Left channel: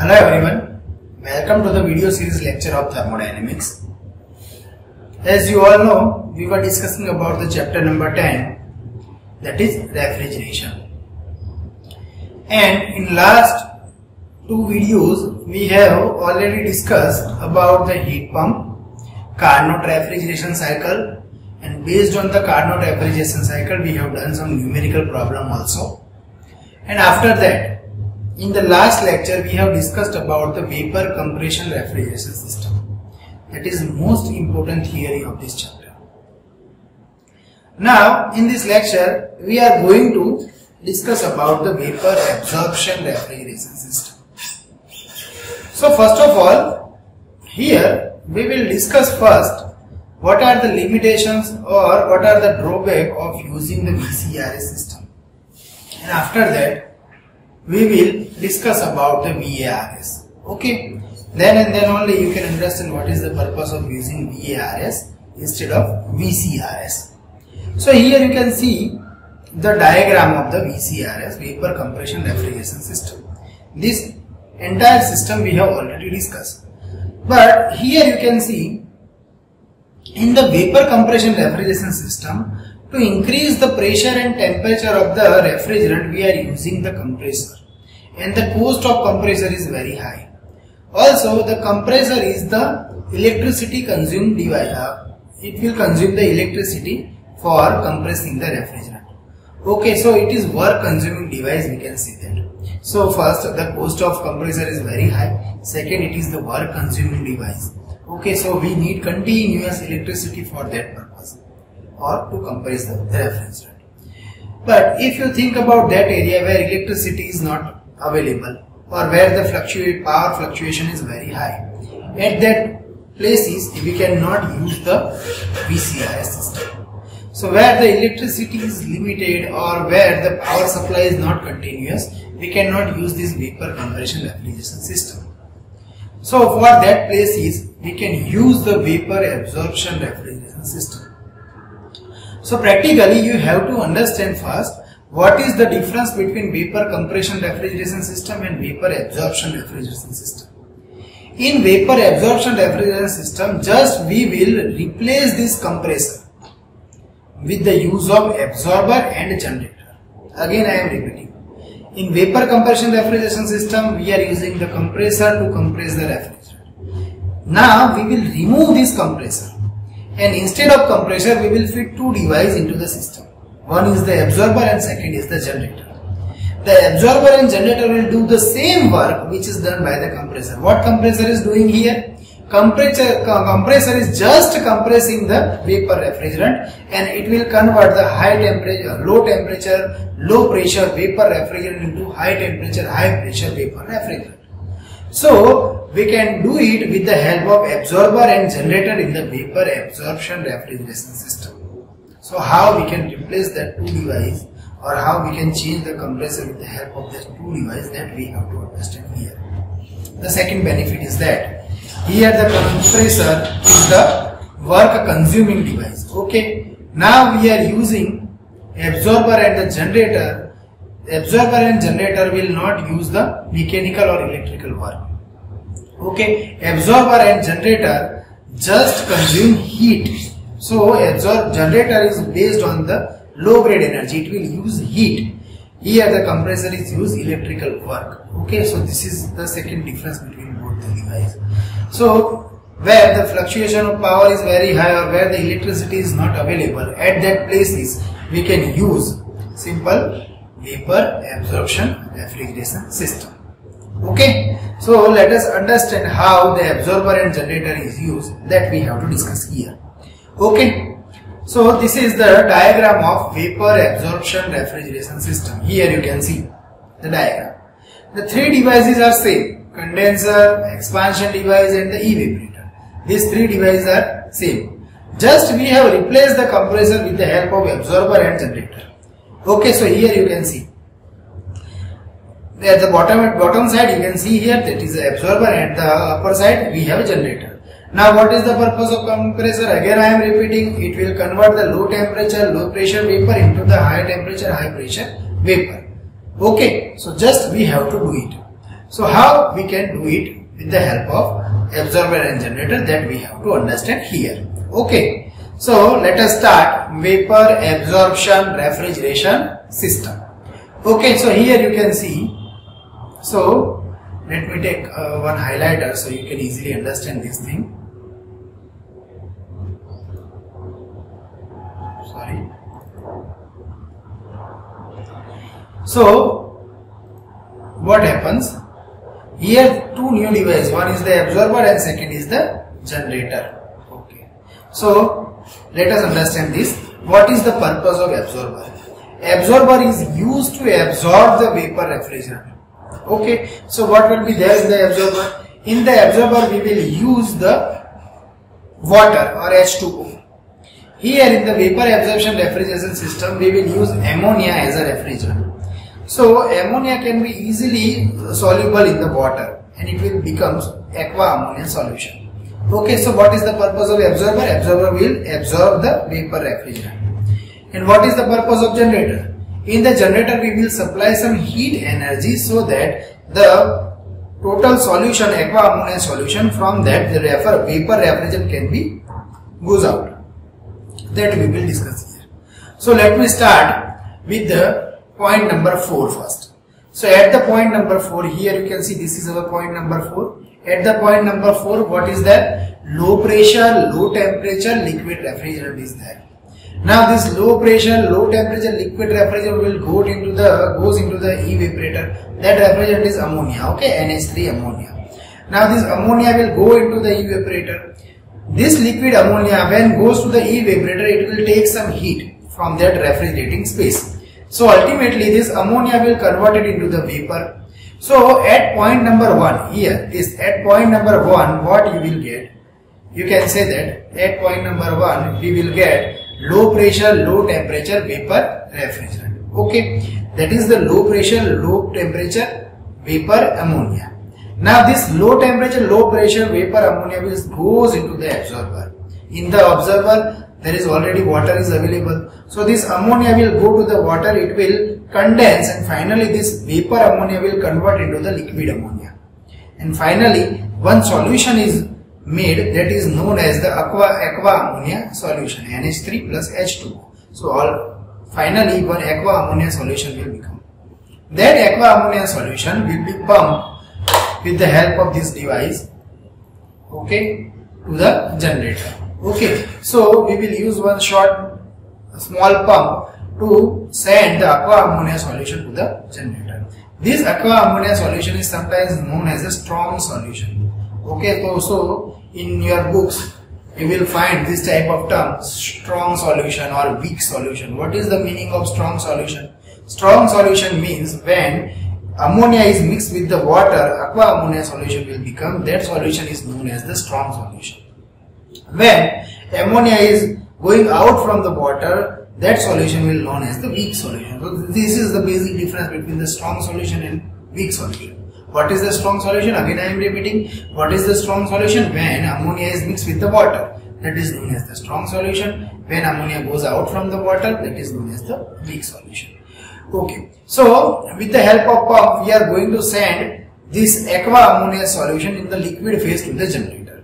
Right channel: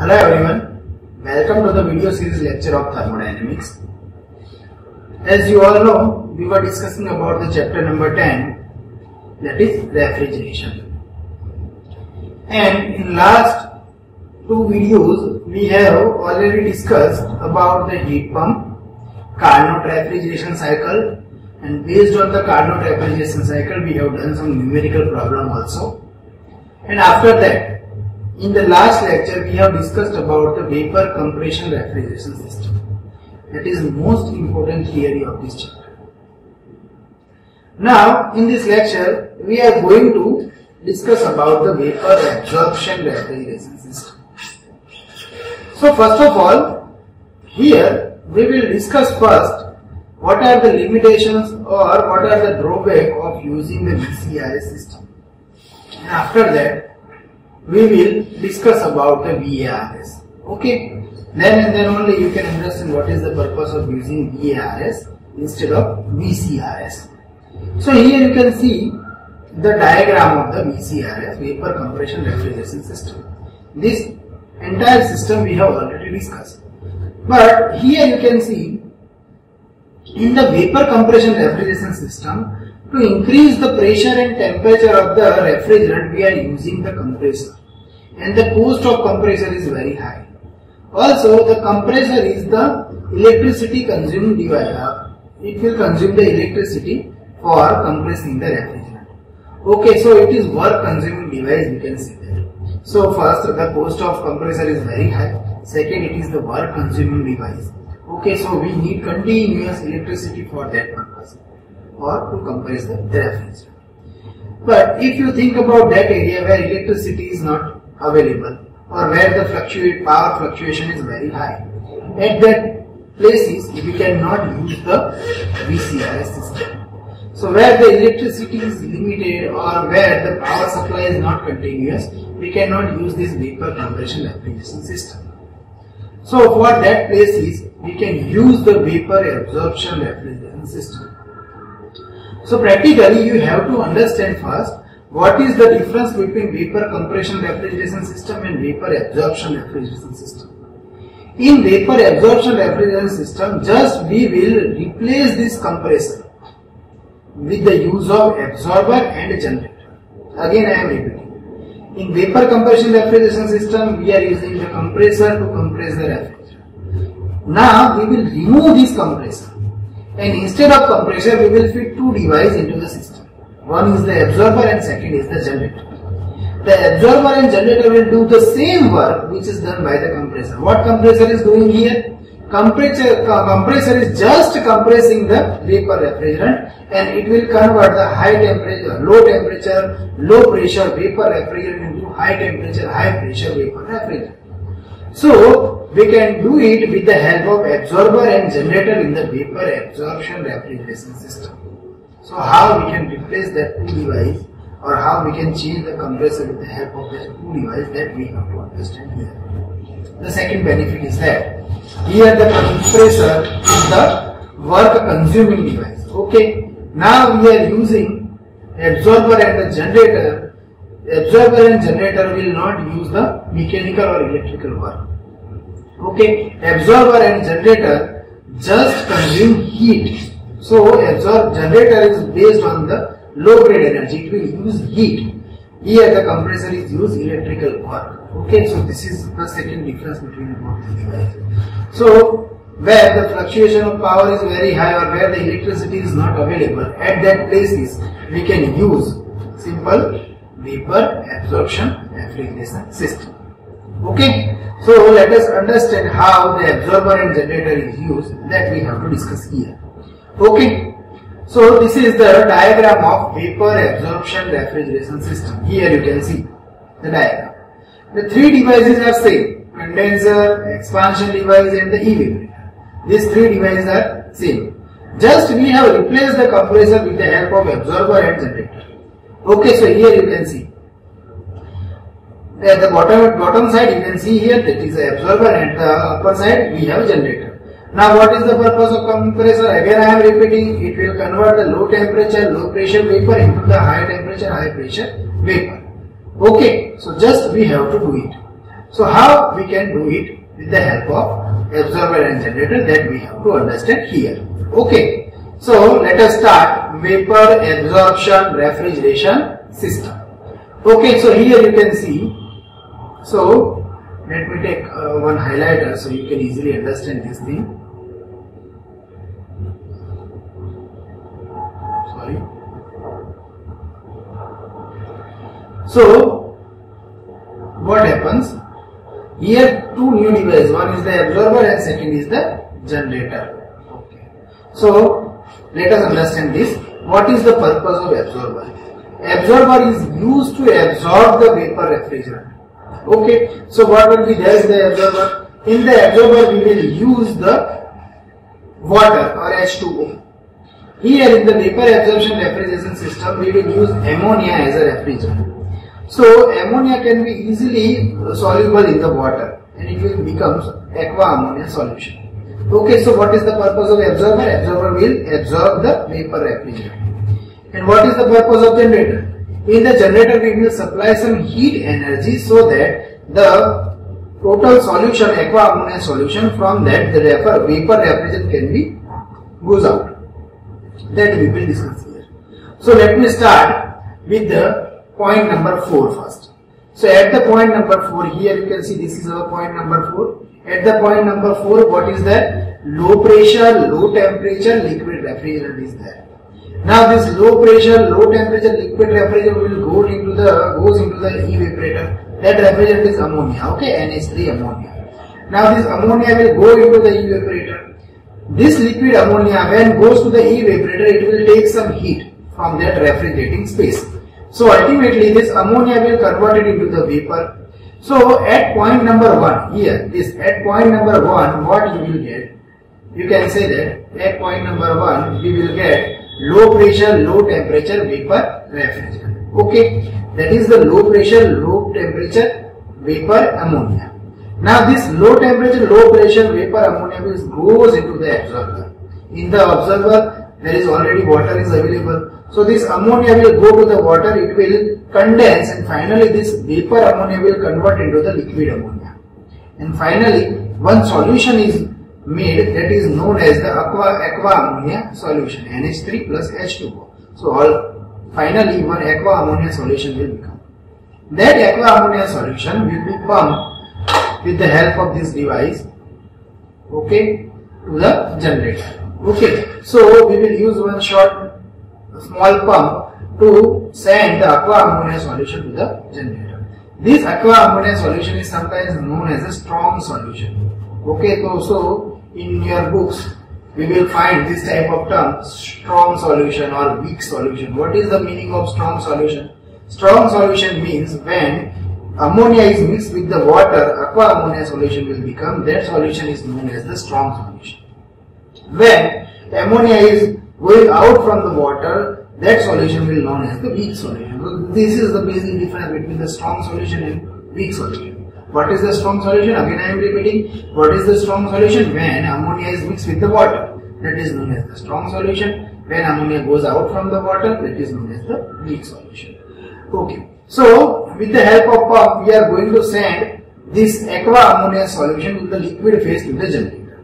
Hello everyone, welcome to the video series lecture of thermodynamics. As you all know, we were discussing about the chapter number 10, that is refrigeration. And in last two videos, we have already discussed about the heat pump, Carnot refrigeration cycle, and based on the Carnot refrigeration cycle, we have done some numerical problem also. And after that, in the last lecture, we have discussed about the vapor compression refrigeration system. That is the most important theory of this chapter. Now, in this lecture, we are going to discuss about the vapor absorption refrigeration system. So, first of all, here we will discuss first what are the limitations or what are the drawbacks of using the VCRS system. And after that, we will discuss about the VARS. Okay, then and then only you can understand what is the purpose of using VARS instead of VCRS. So here you can see the diagram of the VCRS, vapor compression refrigeration system. This entire system we have already discussed, but here you can see in the vapor compression refrigeration system, to increase the pressure and temperature of the refrigerant, we are using the compressor, and the cost of compressor is very high. Also, the compressor is the electricity consuming device. It will consume the electricity for compressing the refrigerant. Okay, so it is work consuming device, we can say that. So first, the cost of compressor is very high. Second, it is the work consuming device. Okay, so we need continuous electricity for that purpose, or to compress the refrigerant. But if you think about that area where electricity is not available, or where the power fluctuation is very high, at that places we cannot use the VCRS system. So where the electricity is limited or where the power supply is not continuous, we cannot use this vapor compression refrigeration system. So for that places we can use the vapor absorption refrigeration system. So practically you have to understand first what is the difference between vapor compression refrigeration system and vapor absorption refrigeration system. In vapor absorption refrigeration system, just we will replace this compressor with the use of absorber and generator. Again I am repeating. In vapor compression refrigeration system, we are using the compressor to compress the refrigerant. Now we will remove this compressor, and instead of compressor we will fit two devices into the system. One is the absorber and second is the generator. The absorber and generator will do the same work which is done by the compressor. What compressor is doing here? Compressor is just compressing the vapor refrigerant, and it will convert the low pressure vapor refrigerant into high temperature, high pressure vapor refrigerant. So we can do it with the help of absorber and generator in the vapor absorption refrigeration system. So how we can replace that two device, or how we can change the compressor with the help of that two device, that we have to understand here. The second benefit is that here the compressor is the work consuming device. Okay, now we are using absorber and the generator. The absorber and generator will not use the mechanical or electrical work. Okay, absorber and generator just consume heat. So generator is based on the low grade energy, it will use heat. Here the compressor is use electrical work. Okay, so this is the second difference between both the devices. So where the fluctuation of power is very high or where the electricity is not available, at that places we can use simple vapor absorption refrigeration system. Okay, so let us understand how the absorber and generator is used, that we have to discuss here. Okay, so this is the diagram of vapor absorption refrigeration system. Here you can see the diagram. The three devices are same: condenser, expansion device and the evaporator. These three devices are same. Just we have replaced the compressor with the help of absorber and generator. Okay, so here you can see. At the bottom side you can see here that is the absorber, and the upper side we have generator. Now what is the purpose of compressor? Again I am repeating, it will convert the low temperature, low pressure vapor into the high temperature, high pressure vapor. Okay, so just we have to do it. So how we can do it with the help of absorber and generator, that we have to understand here. Okay. So let us start vapor absorption refrigeration system. Okay, so here you can see. So let me take one highlighter so you can easily understand this thing. Sorry. So what happens? Here two new devices, one is the absorber and second is the generator. Okay. So let us understand this. What is the purpose of absorber? Absorber is used to absorb the vapor refrigerant. Okay. So what will be there in the absorber? In the absorber we will use the water or H2O. Here in the vapor absorption refrigeration system we will use ammonia as a refrigerant. So ammonia can be easily soluble in the water and it will become aqua ammonia solution. Okay, so what is the purpose of absorber? Absorber will absorb the vapor refrigerant. And what is the purpose of generator? In the generator we will supply some heat energy so that the total solution, aqua ammonia solution, from that the vapor refrigerant can be goes out. That we will discuss here. So let me start with the point number 4 first. So at the point number 4, here you can see this is our point number 4. At the point number 4, what is that? Low pressure, low temperature liquid refrigerant is there. Now this low pressure, low temperature liquid refrigerant will goes into the evaporator. That refrigerant is ammonia, okay, NH3 ammonia. Now this ammonia will go into the evaporator. This liquid ammonia, when goes to the evaporator, it will take some heat from that refrigerating space. So ultimately this ammonia will convert it into the vapor. So at point number 1 here, at point number 1 what you will get? You can say that at point number 1 we will get low pressure, low temperature vapor refrigerant. Okay, that is the low pressure, low temperature vapor ammonia. Now this low temperature, low pressure vapor ammonia goes into the absorber. In the absorber there is already water is available. So this ammonia will go to the water, it will condense and finally this vapor ammonia will convert into the liquid ammonia. And finally one solution is made that is known as the aqua ammonia solution, NH3 plus H2O. So finally one aqua ammonia solution will become. That aqua ammonia solution will be pumped with the help of this device, okay, to the generator. Okay, so we will use one small pump to send the aqua ammonia solution to the generator. This aqua ammonia solution is sometimes known as a strong solution. Okay, so in your books you will find this type of term, strong solution or weak solution. What is the meaning of strong solution? Strong solution means when ammonia is mixed with the water, aqua ammonia solution will become, that solution is known as the strong solution. When ammonia is going out from the water, that solution will be known as the weak solution. So this is the basic difference between the strong solution and weak solution. What is the strong solution? Again I am repeating. What is the strong solution? When ammonia is mixed with the water, that is known as the strong solution. When ammonia goes out from the water, that is known as the weak solution. Okay. So with the help of pump, we are going to send this aqua ammonia solution in the liquid phase to the generator.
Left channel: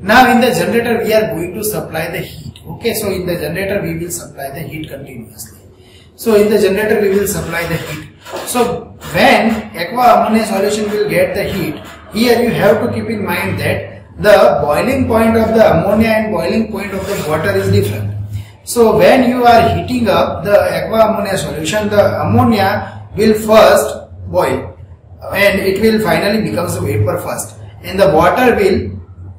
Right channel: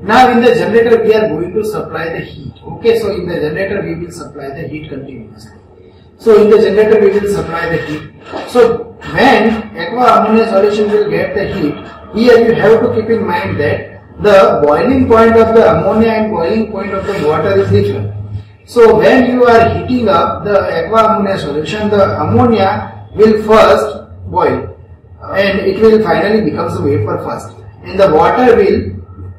Now in the generator we are going to supply the heat. Okay, so in the generator we will supply the heat continuously. So in the generator we will supply the heat. So when aqua ammonia solution will get the heat, here you have to keep in mind that the boiling point of the ammonia and boiling point of the water is different. So when you are heating up the aqua ammonia solution, the ammonia will first boil and it will finally becomes a vapor first, and the water will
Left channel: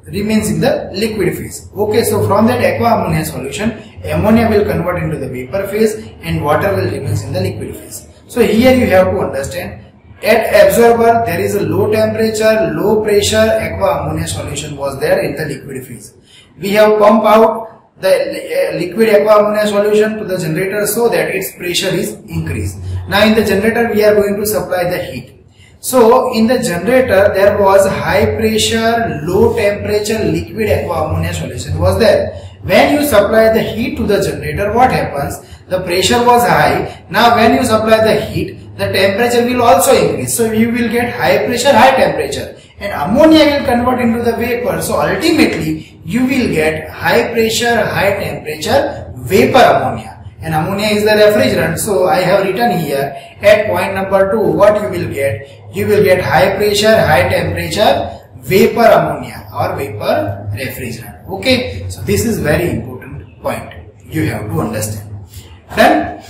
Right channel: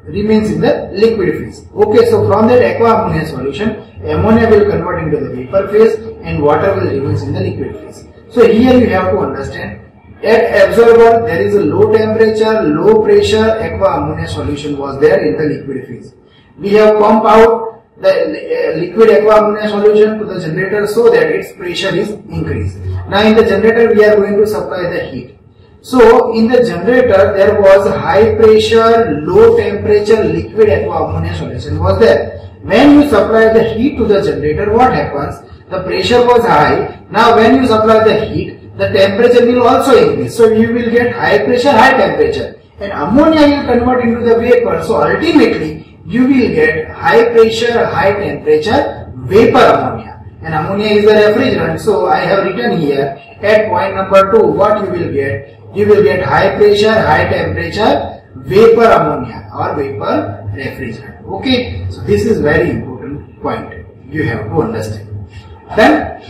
remains in the liquid phase. Okay, so from that aqua ammonia solution, ammonia will convert into the vapor phase and water will remains in the liquid phase. So here you have to understand, at absorber there is a low temperature, low pressure aqua ammonia solution was there in the liquid phase. We have pumped out the liquid aqua ammonia solution to the generator so that its pressure is increased. Now in the generator we are going to supply the heat. So in the generator there was high pressure, low temperature liquid aqua ammonia solution was there. When you supply the heat to the generator, what happens? The pressure was high. Now when you supply the heat, the temperature will also increase. So you will get high pressure, high temperature, and ammonia will convert into the vapor. So ultimately you will get high pressure, high temperature vapor ammonia. And ammonia is the refrigerant. So I have written here at point number 2 what you will get. You will get high pressure, high temperature vapor ammonia or vapor refrigerant. Okay. So this is very important point you have to understand. Then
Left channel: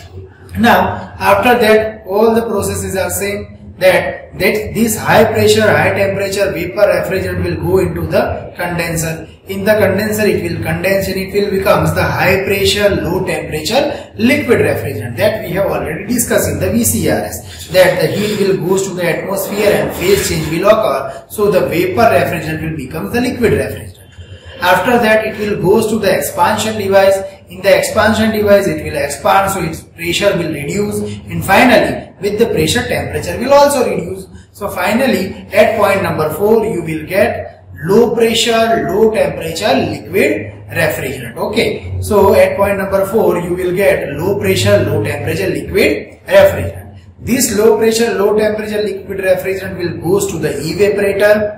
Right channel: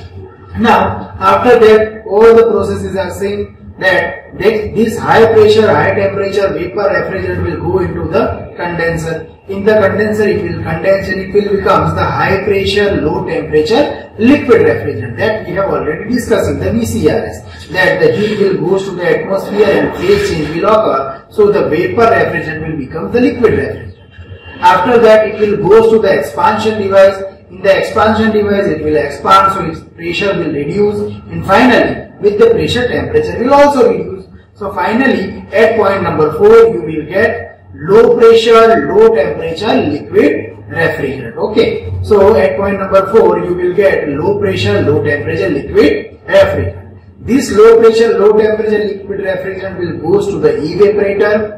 now after that all the processes are same. That this high pressure, high temperature vapor refrigerant will go into the condenser. In the condenser it will condense and it will becomes the high pressure, low temperature liquid refrigerant that we have already discussed in the VCRS. That the heat will goes to the atmosphere and phase change will occur. So the vapor refrigerant will become the liquid refrigerant. After that it will goes to the expansion device. In the expansion device it will expand, so its pressure will reduce, and finally with the pressure temperature will also reduce. So finally at point number 4 you will get low pressure, low temperature liquid refrigerant. Okay, so at point number 4 you will get low pressure, low temperature liquid refrigerant. This low pressure, low temperature liquid refrigerant will goes to the evaporator.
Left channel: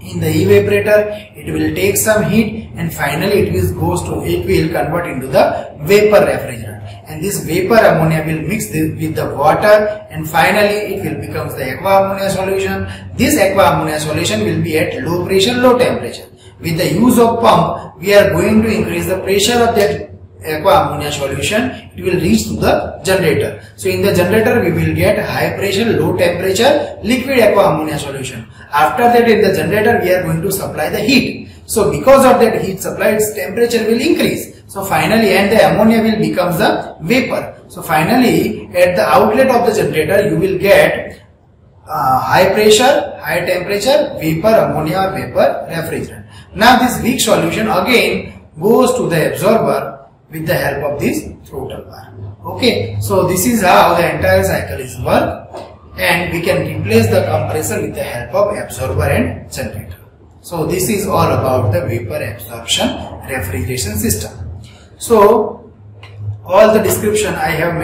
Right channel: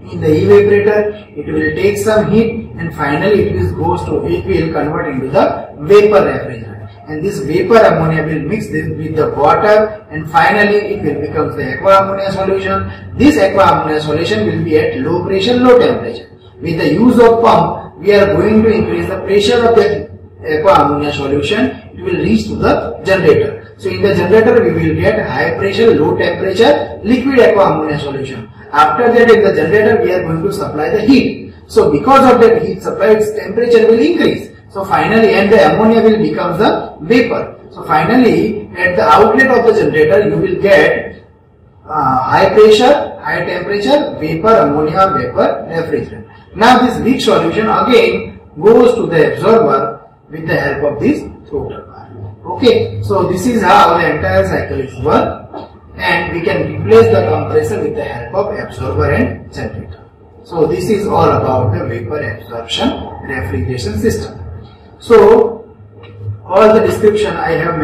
In the evaporator it will take some heat and finally it will convert into the vapor refrigerant, and this vapor ammonia will mix with the water and finally it will become the aqua ammonia solution. This aqua ammonia solution will be at low pressure, low temperature. With the use of pump we are going to increase the pressure of that aqua ammonia solution. It will reach to the generator. So in the generator we will get high pressure, low temperature liquid aqua ammonia solution. After that in the generator we are going to supply the heat. So because of that heat supply its temperature will increase. So finally and the ammonia will become the vapor. So finally at the outlet of the generator you will get high pressure, high temperature vapor ammonia or vapor refrigerant. Now this weak solution again goes to the absorber with the help of this throttle bar. Okay, so this is how the entire cycle is work, and we can replace the compressor with the help of absorber and generator. So this is all about the vapor absorption refrigeration system. So all the description I have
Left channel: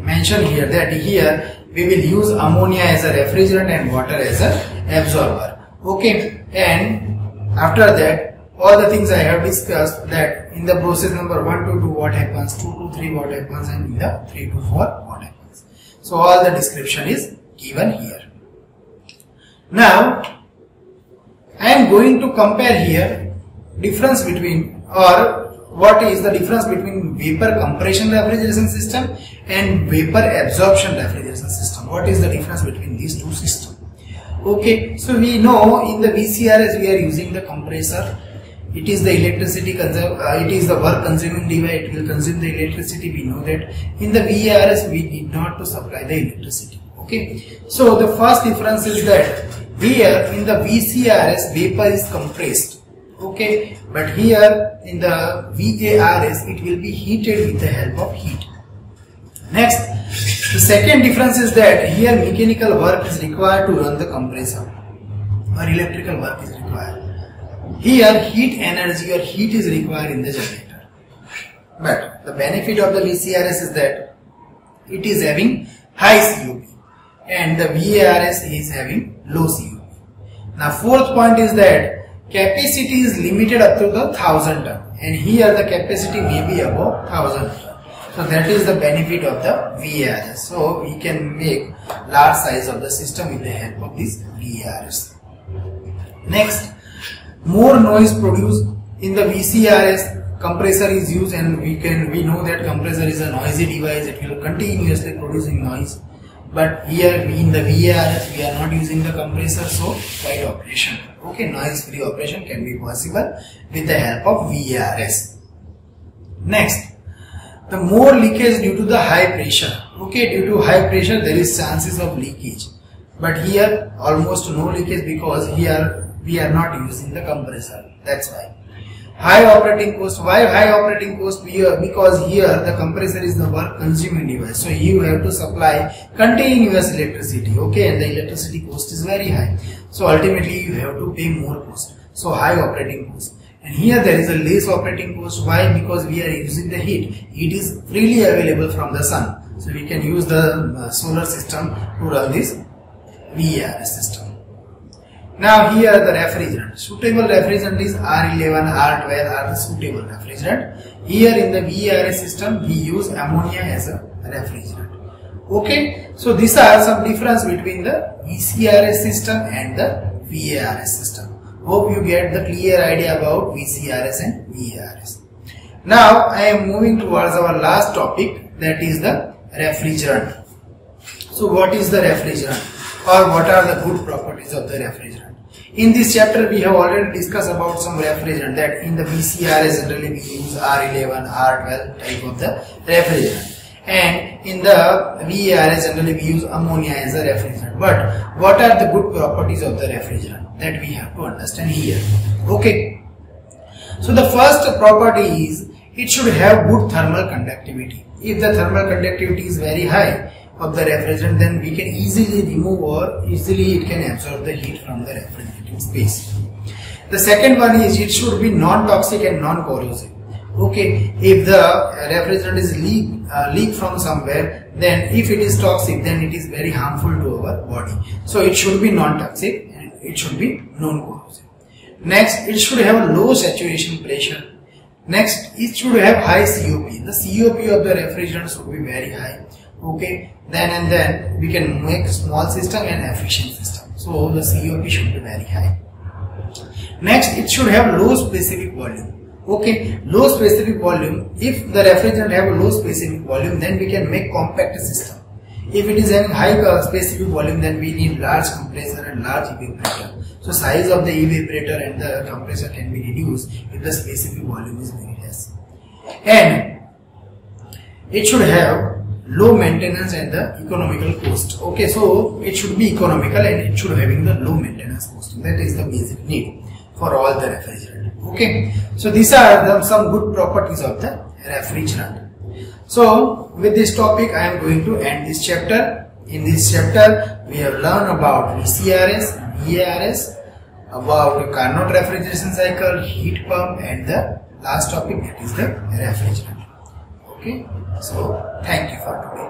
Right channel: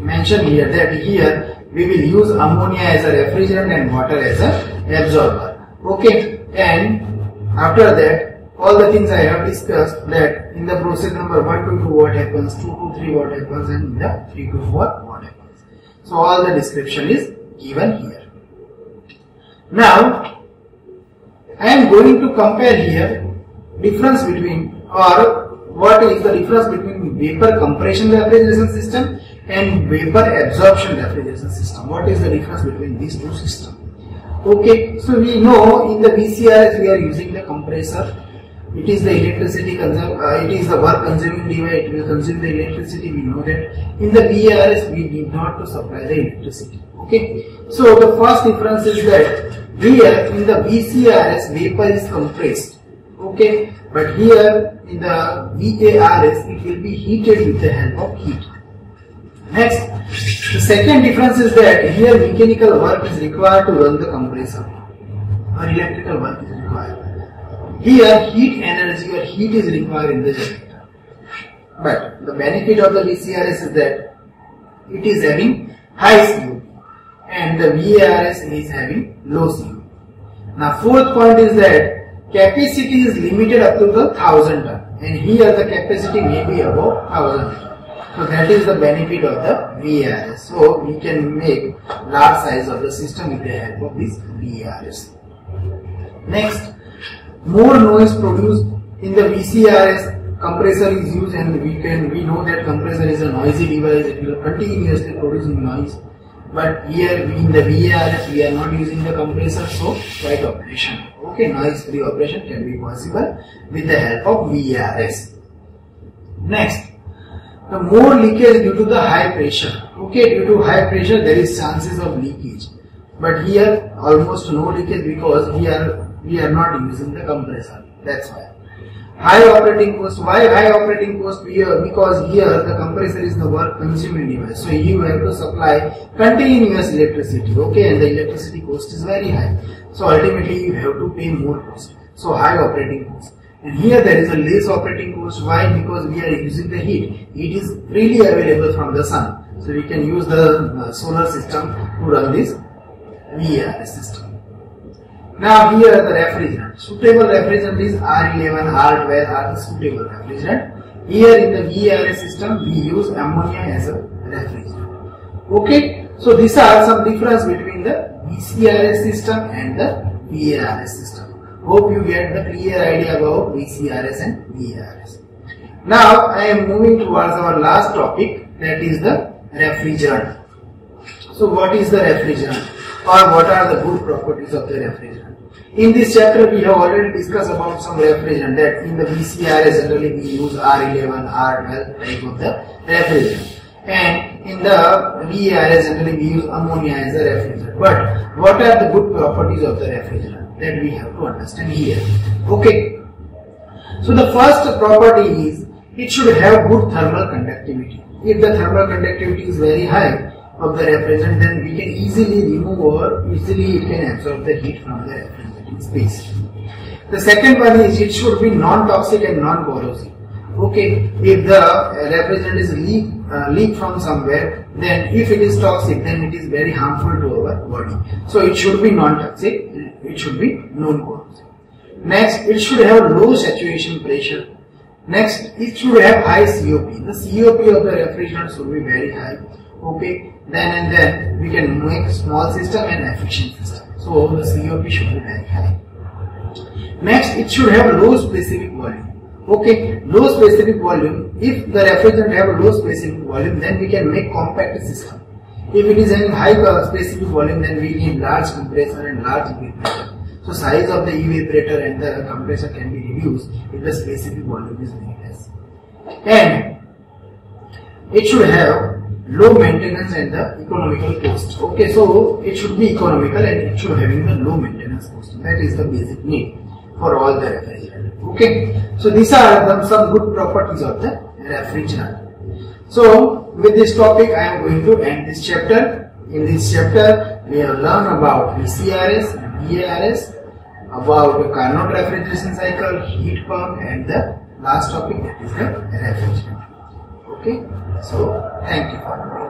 mentioned here, that here we will use ammonia as a refrigerant and water as a absorber. Okay, and after that all the things I have discussed, that in the process number 1 to 2 what happens, 2 to 3 what happens, and in the 3 to 4 what happens. So all the description is given here. Now I am going to compare here difference between, or what is the difference between vapor compression refrigeration system and vapor absorption refrigeration system. What is the difference between these two systems? Okay, so we know in the VCRS we are using the compressor. It is the electricity it is the work consuming device, it will consume the electricity, we know that. In the VARS we need not to supply the electricity. Okay, so the first difference is that here in the VCRS vapor is compressed. Okay, but here in the VARS it will be heated with the help of heat. Next, the second difference is that here mechanical work is required to run the compressor or electrical work is required. Here heat energy or heat is required in the generator. But the benefit of the VCRS is that it is having high COP and the VARS is having low COP. Now fourth point is that capacity is limited up to the 1000 ton, and here the capacity may be above 1000 ton. So that is the benefit of the VARS. So we can make large size of the system with the help of this VARS. Next, more noise produced in the VCRS. Compressor is used, and we know that compressor is a noisy device. It will continuously producing noise. But here in the VARS we are not using the compressor, so quiet operation. Okay, noise free operation can be possible with the help of VARS. Next, the more leakage due to the high pressure. Okay, due to high pressure there is chances of leakage. But here almost no leakage because here we are not using the compressor. That's why. High operating cost. Why high operating cost here? Because here the compressor is the work consuming device. So you have to supply continuous electricity. Okay, and the electricity cost is very high. So ultimately you have to pay more cost. So high operating cost. And here there is a less operating cost. Why? Because we are using the heat. Heat is freely available from the sun. So we can use the solar system to run this VARS system. Now here the refrigerant. Suitable refrigerant is R11, R12 are the suitable refrigerant. Here in the VARS system we use ammonia as a refrigerant. Okay, so these are some difference between the VCRS system and the VARS system. Hope you get the clear idea about VCRS and VARS. Now I am moving towards our last topic, that is the refrigerant. So what is the refrigerant, or what are the good properties of the refrigerant? In this chapter we have already discussed about some refrigerant, that in the VCRS generally we use R11, R12 type of the refrigerant, and in the VARS generally we use ammonia as a refrigerant. But what are the good properties of the refrigerant, that we have to understand here. Okay, so the first property is it should have good thermal conductivity. If the thermal conductivity is very high of the refrigerant, then we can easily remove, or easily it can absorb the heat from the refrigerating space. The second one is it should be non-toxic and non-corrosive. Okay, if the refrigerant is leak from somewhere, then if it is toxic, then it is very harmful to our body. So it should be non-toxic and it should be non-corrosive. Next, it should have low saturation pressure. Next, it should have high COP. The COP of the refrigerant should be very high. Okay, then we can make small system and efficient system. So the COP should be very high. Next, it should have low specific volume. Okay, low specific volume. If the refrigerant have a low specific volume, then we can make compact system. If it is having high specific volume, then we need large compressor and large evaporator. So size of the evaporator and the compressor can be reduced if the specific volume is very less. And it should have low maintenance and the economical cost. Okay, so it should be economical and it should having the low maintenance cost. That is the basic need for all the refrigerant. Okay, so these are some good properties of the refrigerant. So with this topic I am going to end this chapter. In this chapter we have learned about VCRS, VARS, about Carnot refrigeration cycle, heat pump, and the last topic, that is the refrigerant. Okay, so thank you for today.